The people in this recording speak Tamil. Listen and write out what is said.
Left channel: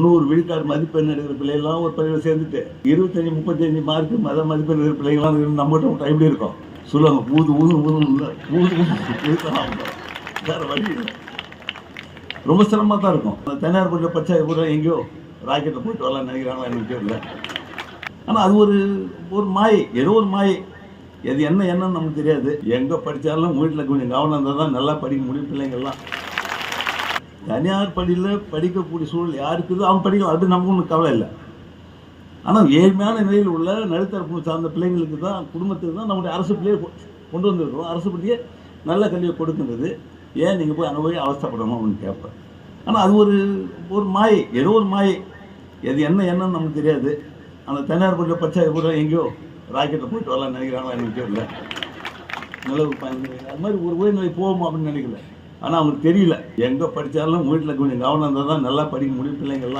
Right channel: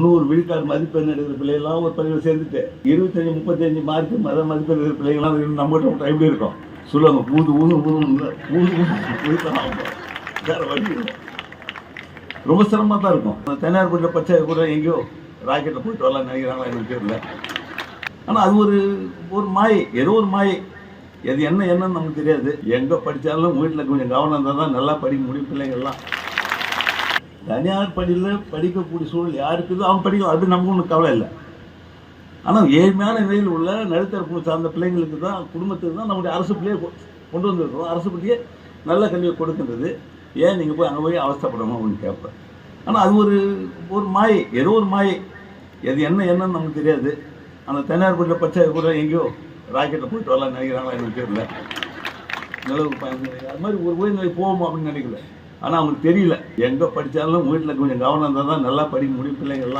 தொண்ணூறு விழுக்காடு மதிப்பெண் எடுக்கிற பிள்ளைகள்லாம் ஒரு பள்ளியில் சேர்ந்துட்டு இருபத்தஞ்சி முப்பத்தஞ்சு மார்க்கு மத மதிப்பெண் எடுக்கிற பிள்ளைகள்லாம் நம்மகிட்ட டைம்ல இருக்கும். சொல்லுவாங்க ஊது ஊது ஊது ஊது வேற வழி ரொம்ப சிரமமாக தான் இருக்கும். தனியார் கூட பச்சை கூட எங்கேயோ ராக்கெட்டை போயிட்டு வரலாம் நினைக்கிறாங்களா எனக்கு தெரியல. ஆனால் அது ஒரு ஒரு மாயை. ஏதோ ஒரு மாயை. எது என்ன என்னன்னு நமக்கு தெரியாது. எங்கே படித்தாலும் வீட்டில் கொஞ்சம் கவனம் இருந்தால் தான் நல்லா படிக்க முடியும் பிள்ளைங்கள்லாம். தனியார் பள்ளியில் படிக்கக்கூடிய சூழல் யாருக்குதோ அவங்க படிக்கலாம் அது நமக்கு ஒன்றும் கவலை இல்லை. ஆனால் ஏழ்மையான நிலையில் உள்ள நடுத்தர சார்ந்த பிள்ளைங்களுக்கு தான் குடும்பத்துக்கு தான் நம்முடைய அரசு பிள்ளையை கொண்டு வந்திருக்கிறோம். அரசு பிள்ளையே நல்ல கல்வியை கொடுக்கின்றது. ஏன் நீங்கள் போய் அங்கே போய் அவஸ்தைப்படணும் அப்படின்னு கேட்பேன். ஆனால் அது ஒரு ஒரு மாயை ஏதோ ஒரு மாயை. எது என்ன என்னன்னு நமக்கு தெரியாது. ஆனால் தனியார் பள்ளியில் படித்தா கூட எங்கேயோ ராக்கெட்டை போயிட்டு வரலாம் நினைக்கிறாங்களா எனக்கு தெரியல. நிலவு பயன் அது மாதிரி ஒரு உயர்நிலை போவோம் அப்படின்னு நினைக்கல. ஆனால் அவனுக்கு தெரியல. எங்கே படித்தாலும் வீட்டில் கொஞ்சம் கவனம் இருந்தால் தான் நல்லா படிக்க முடியும் பிள்ளைங்கள்லாம்.